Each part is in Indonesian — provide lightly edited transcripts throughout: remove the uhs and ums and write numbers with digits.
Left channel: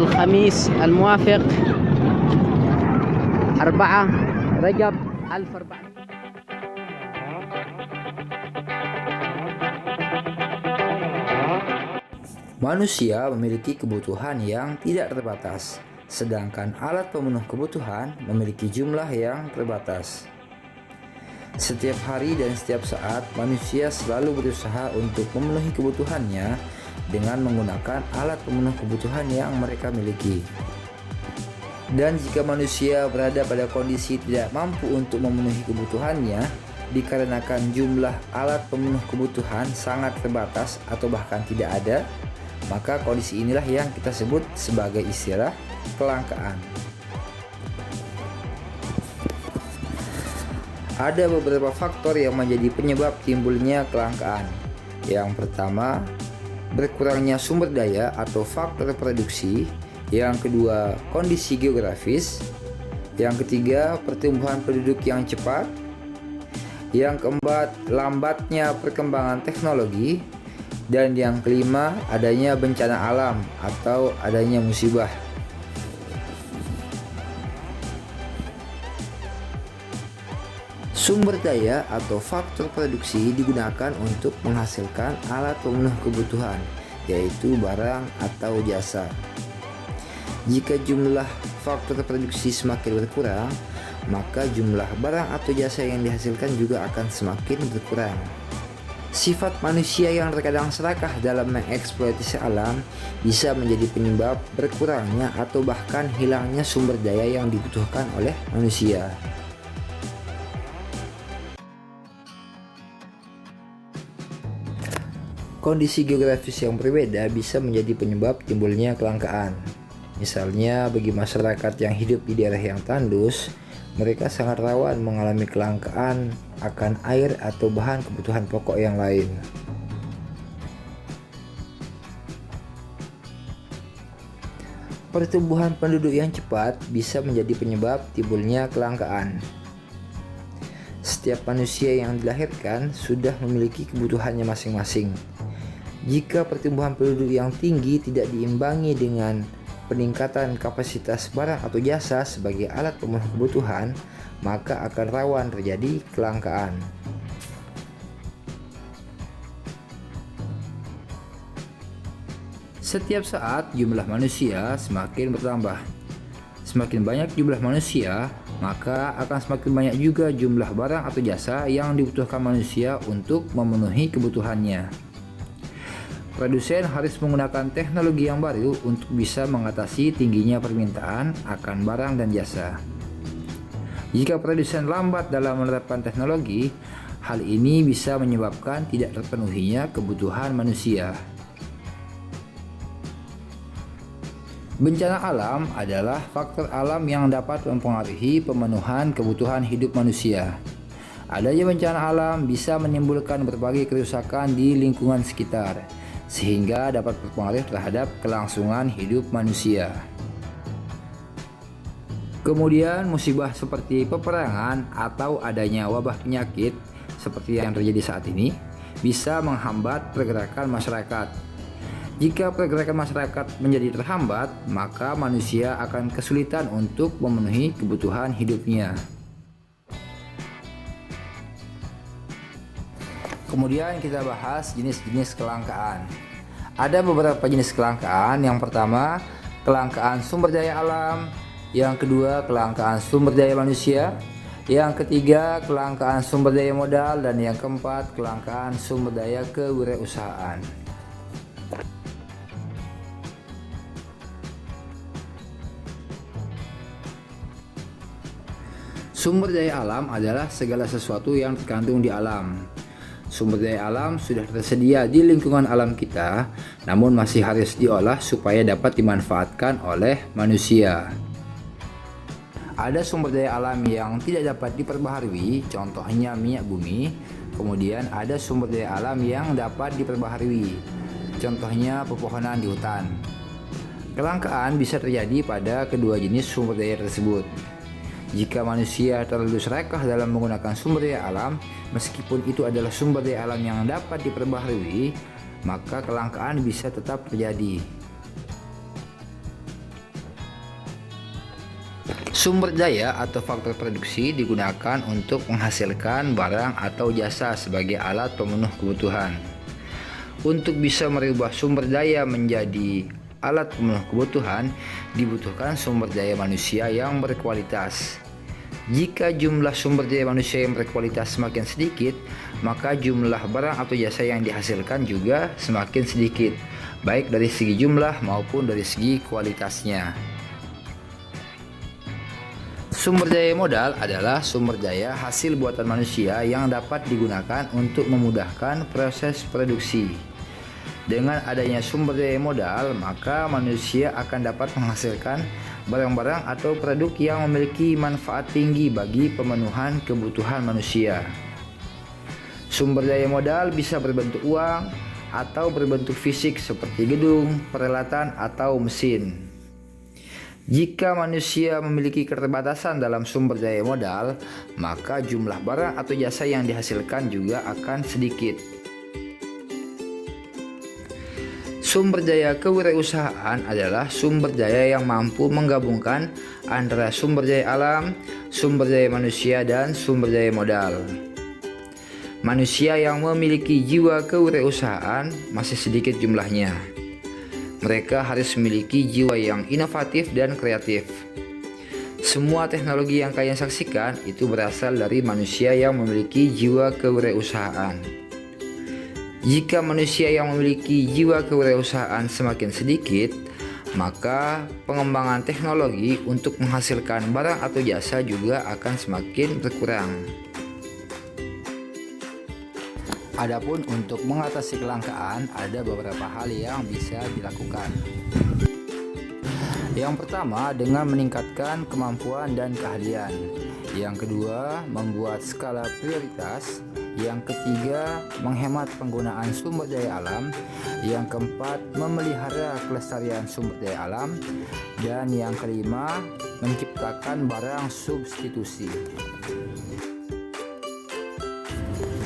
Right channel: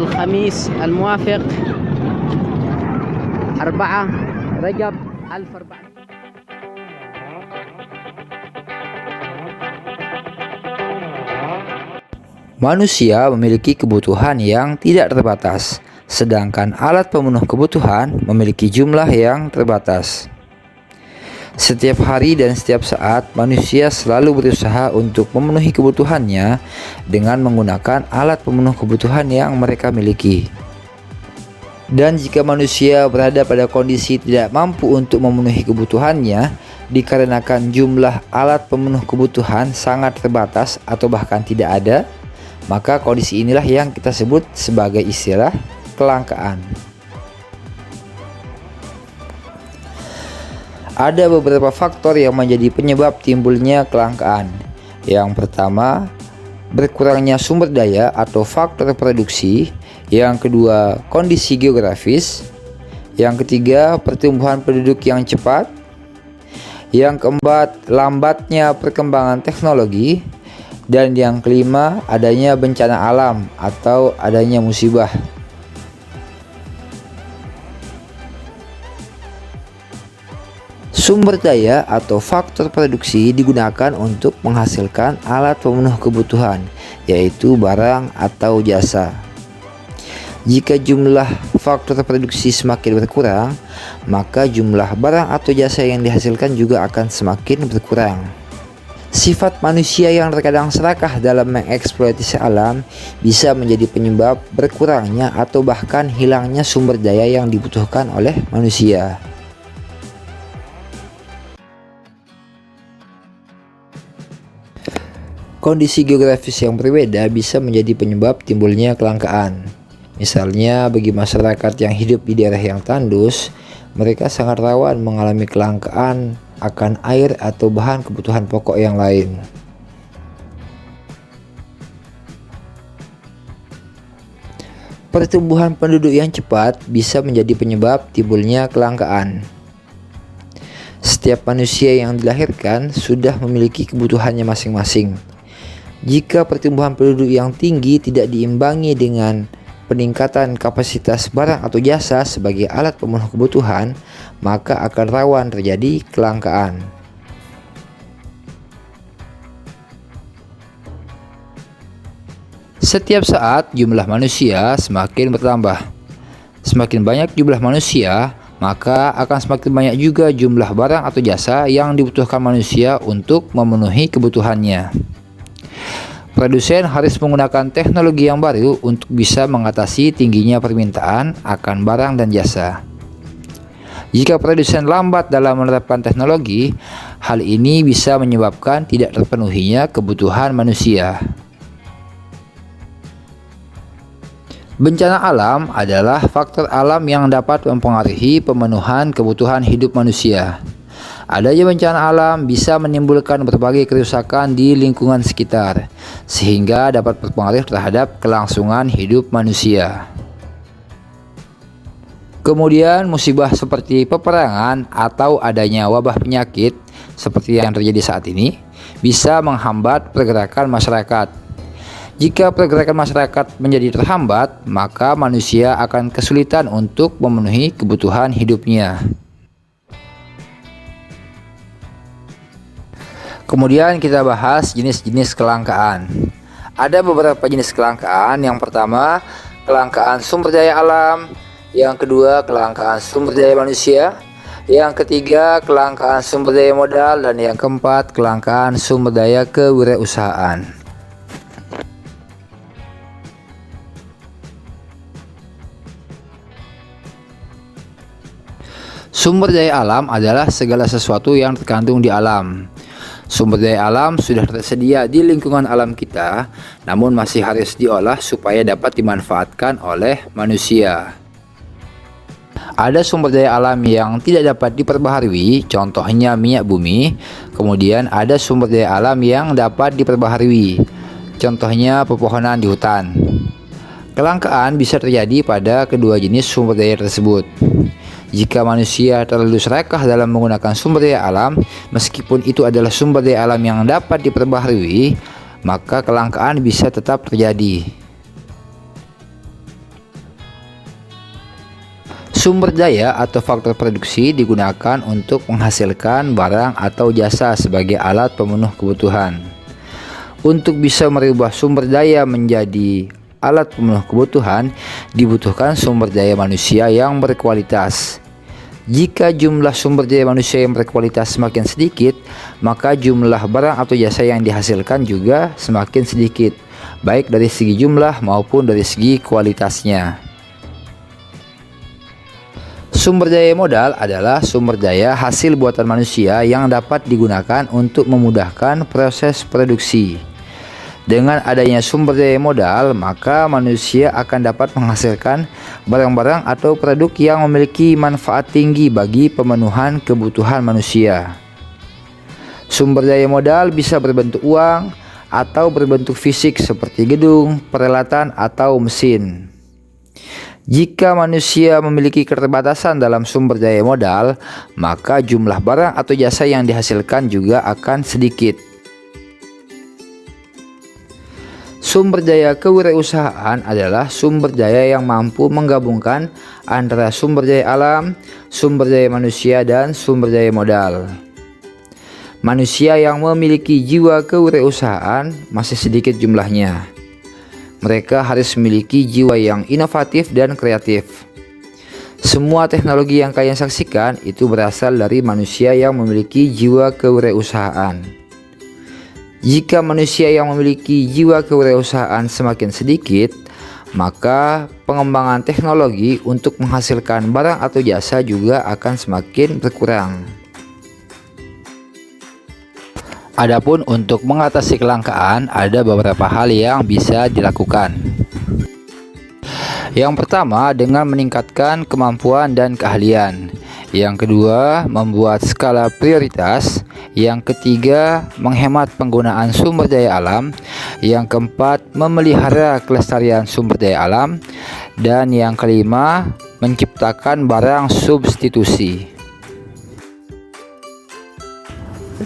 الخميس الموافق 4 رجب 1400. Manusia memiliki kebutuhan yang tidak terbatas, sedangkan alat pemenuh kebutuhan memiliki jumlah yang terbatas. Setiap hari dan setiap saat, manusia selalu berusaha untuk memenuhi kebutuhannya dengan menggunakan alat pemenuh kebutuhan yang mereka miliki. Dan jika manusia berada pada kondisi tidak mampu untuk memenuhi kebutuhannya, dikarenakan jumlah alat pemenuh kebutuhan sangat terbatas atau bahkan tidak ada, maka kondisi inilah yang kita sebut sebagai istilah kelangkaan. Ada beberapa faktor yang menjadi penyebab timbulnya kelangkaan. Yang pertama, berkurangnya sumber daya atau faktor produksi. Yang kedua, kondisi geografis. Yang ketiga, pertumbuhan penduduk yang cepat. Yang keempat, lambatnya perkembangan teknologi. Dan yang kelima, adanya bencana alam atau adanya musibah. Sumber daya atau faktor produksi digunakan untuk menghasilkan alat pemenuh kebutuhan, yaitu barang atau jasa. Jika jumlah faktor produksi semakin berkurang, maka jumlah barang atau jasa yang dihasilkan juga akan semakin berkurang. Sifat manusia yang terkadang serakah dalam mengeksploitasi alam bisa menjadi penyebab berkurangnya atau bahkan hilangnya sumber daya yang dibutuhkan oleh manusia. Kondisi geografis yang berbeda bisa menjadi penyebab timbulnya kelangkaan. Misalnya, bagi masyarakat yang hidup di daerah yang tandus, mereka sangat rawan mengalami kelangkaan akan air atau bahan kebutuhan pokok yang lain. Pertumbuhan penduduk yang cepat bisa menjadi penyebab timbulnya kelangkaan. Setiap manusia yang dilahirkan sudah memiliki kebutuhannya masing-masing. Jika pertumbuhan penduduk yang tinggi tidak diimbangi dengan peningkatan kapasitas barang atau jasa sebagai alat pemenuh kebutuhan, maka akan rawan terjadi kelangkaan. Setiap saat jumlah manusia semakin bertambah. Semakin banyak jumlah manusia, maka akan semakin banyak juga jumlah barang atau jasa yang dibutuhkan manusia untuk memenuhi kebutuhannya. Produsen harus menggunakan teknologi yang baru untuk bisa mengatasi tingginya permintaan akan barang dan jasa. Jika produsen lambat dalam menerapkan teknologi, hal ini bisa menyebabkan tidak terpenuhinya kebutuhan manusia. Bencana alam adalah faktor alam yang dapat mempengaruhi pemenuhan kebutuhan hidup manusia. Adanya bencana alam bisa menimbulkan berbagai kerusakan di lingkungan sekitar, sehingga dapat berpengaruh terhadap kelangsungan hidup manusia. Kemudian musibah seperti peperangan atau adanya wabah penyakit seperti yang terjadi saat ini bisa menghambat pergerakan masyarakat. Jika pergerakan masyarakat menjadi terhambat, maka manusia akan kesulitan untuk memenuhi kebutuhan hidupnya. Kemudian kita bahas jenis-jenis kelangkaan. Ada beberapa jenis kelangkaan. Yang pertama, kelangkaan sumber daya alam. Yang kedua, kelangkaan sumber daya manusia. Yang ketiga, kelangkaan sumber daya modal. Dan yang keempat, kelangkaan sumber daya kewirausahaan. Sumber daya alam adalah segala sesuatu yang terkandung di alam. Sumber daya alam sudah tersedia di lingkungan alam kita, namun masih harus diolah supaya dapat dimanfaatkan oleh manusia. Ada sumber daya alam yang tidak dapat diperbaharui, contohnya minyak bumi. Kemudian ada sumber daya alam yang dapat diperbaharui, contohnya pepohonan di hutan. Kelangkaan bisa terjadi pada kedua jenis sumber daya tersebut. Jika manusia terlalu serakah dalam menggunakan sumber daya alam, meskipun itu adalah sumber daya alam yang dapat diperbaharui, maka kelangkaan bisa tetap terjadi. Sumber daya atau faktor produksi digunakan untuk menghasilkan barang atau jasa sebagai alat pemenuh kebutuhan. Untuk bisa merubah sumber daya menjadi alat pemenuh kebutuhan, dibutuhkan sumber daya manusia yang berkualitas. Jika jumlah sumber daya manusia yang berkualitas semakin sedikit, maka jumlah barang atau jasa yang dihasilkan juga semakin sedikit, baik dari segi jumlah maupun dari segi kualitasnya. Sumber daya modal adalah sumber daya hasil buatan manusia yang dapat digunakan untuk memudahkan proses produksi. Dengan adanya sumber daya modal, maka manusia akan dapat menghasilkan barang-barang atau produk yang memiliki manfaat tinggi bagi pemenuhan kebutuhan manusia. Sumber daya modal bisa berbentuk uang atau berbentuk fisik seperti gedung, peralatan, atau mesin. Jika manusia memiliki keterbatasan dalam sumber daya modal, maka jumlah barang atau jasa yang dihasilkan juga akan sedikit. Sumber daya kewirausahaan adalah sumber daya yang mampu menggabungkan antara sumber daya alam, sumber daya manusia, dan sumber daya modal. Manusia yang memiliki jiwa kewirausahaan masih sedikit jumlahnya. Mereka harus memiliki jiwa yang inovatif dan kreatif. Semua teknologi yang kalian saksikan itu berasal dari manusia yang memiliki jiwa kewirausahaan. Jika manusia yang memiliki jiwa kewirausahaan semakin sedikit, maka pengembangan teknologi untuk menghasilkan barang atau jasa juga akan semakin berkurang. Adapun untuk mengatasi kelangkaan, ada beberapa hal yang bisa dilakukan. Yang pertama, dengan meningkatkan kemampuan dan keahlian. Yang kedua, membuat skala prioritas. Yang ketiga, menghemat penggunaan sumber daya alam. Yang keempat, memelihara kelestarian sumber daya alam. Dan yang kelima, menciptakan barang substitusi.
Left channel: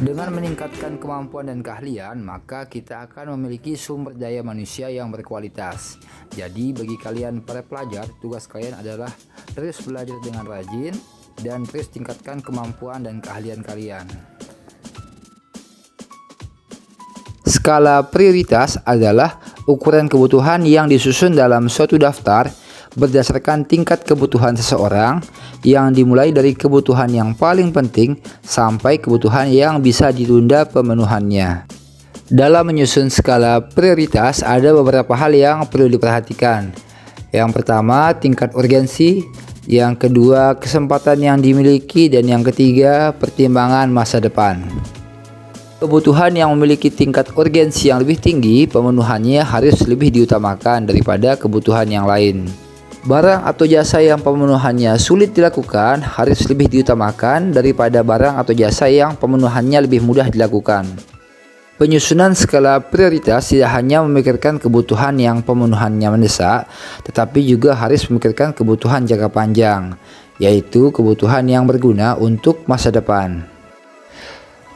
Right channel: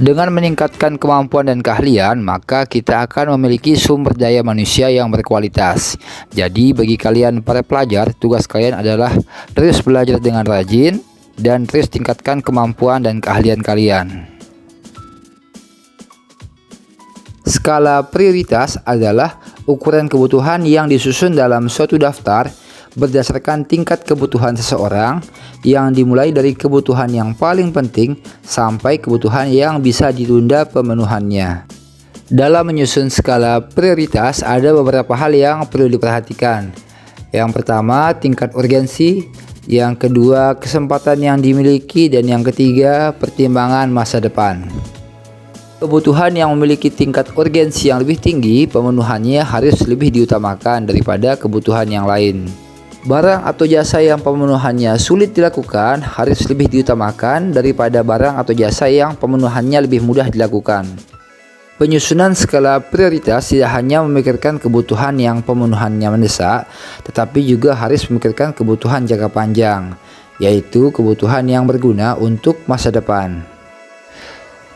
Dengan meningkatkan kemampuan dan keahlian, maka kita akan memiliki sumber daya manusia yang berkualitas. Jadi bagi kalian para pelajar, tugas kalian adalah terus belajar dengan rajin dan terus tingkatkan kemampuan dan keahlian kalian. Skala prioritas adalah ukuran kebutuhan yang disusun dalam suatu daftar berdasarkan tingkat kebutuhan seseorang, yang dimulai dari kebutuhan yang paling penting sampai kebutuhan yang bisa ditunda pemenuhannya. Dalam menyusun skala prioritas ada beberapa hal yang perlu diperhatikan. Yang pertama, tingkat urgensi. Yang kedua, kesempatan yang dimiliki. Dan yang ketiga, pertimbangan masa depan. Kebutuhan yang memiliki tingkat urgensi yang lebih tinggi, pemenuhannya harus lebih diutamakan daripada kebutuhan yang lain. Barang atau jasa yang pemenuhannya sulit dilakukan harus lebih diutamakan daripada barang atau jasa yang pemenuhannya lebih mudah dilakukan. Penyusunan skala prioritas tidak hanya memikirkan kebutuhan yang pemenuhannya mendesak, tetapi juga harus memikirkan kebutuhan jangka panjang, yaitu kebutuhan yang berguna untuk masa depan.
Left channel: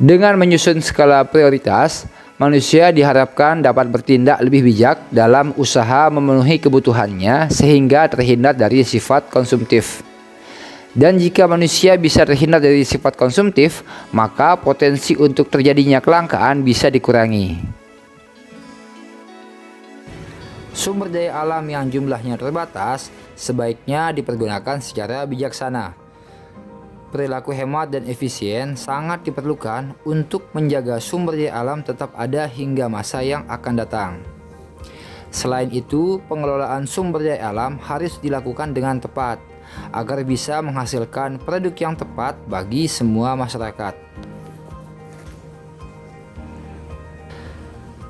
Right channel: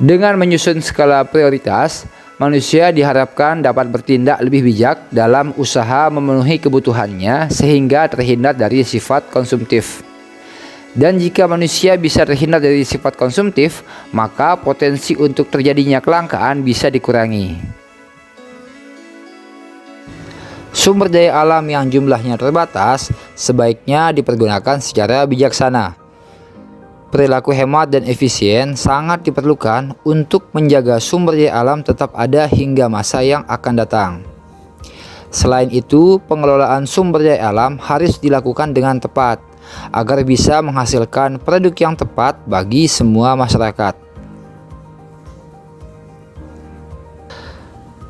Dengan menyusun skala prioritas, manusia diharapkan dapat bertindak lebih bijak dalam usaha memenuhi kebutuhannya sehingga terhindar dari sifat konsumtif. Dan jika manusia bisa terhindar dari sifat konsumtif, maka potensi untuk terjadinya kelangkaan bisa dikurangi. Sumber daya alam yang jumlahnya terbatas sebaiknya dipergunakan secara bijaksana. Perilaku hemat dan efisien sangat diperlukan untuk menjaga sumber daya alam tetap ada hingga masa yang akan datang. Selain itu, pengelolaan sumber daya alam harus dilakukan dengan tepat agar bisa menghasilkan produk yang tepat bagi semua masyarakat.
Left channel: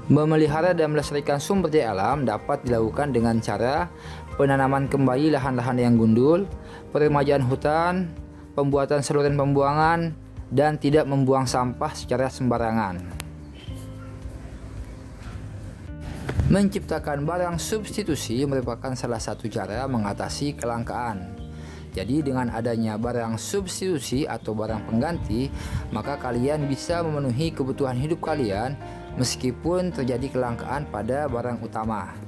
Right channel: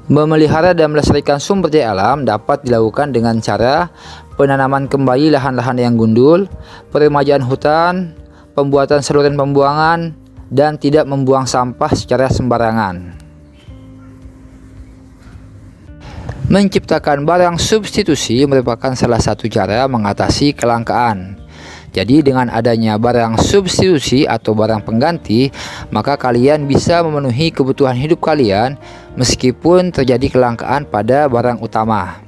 Memelihara dan melestarikan sumber daya alam dapat dilakukan dengan cara penanaman kembali lahan-lahan yang gundul, peremajaan hutan, pembuatan saluran pembuangan, dan tidak membuang sampah secara sembarangan. Menciptakan barang substitusi merupakan salah satu cara mengatasi kelangkaan. Jadi dengan adanya barang substitusi atau barang pengganti, maka kalian bisa memenuhi kebutuhan hidup kalian meskipun terjadi kelangkaan pada barang utama.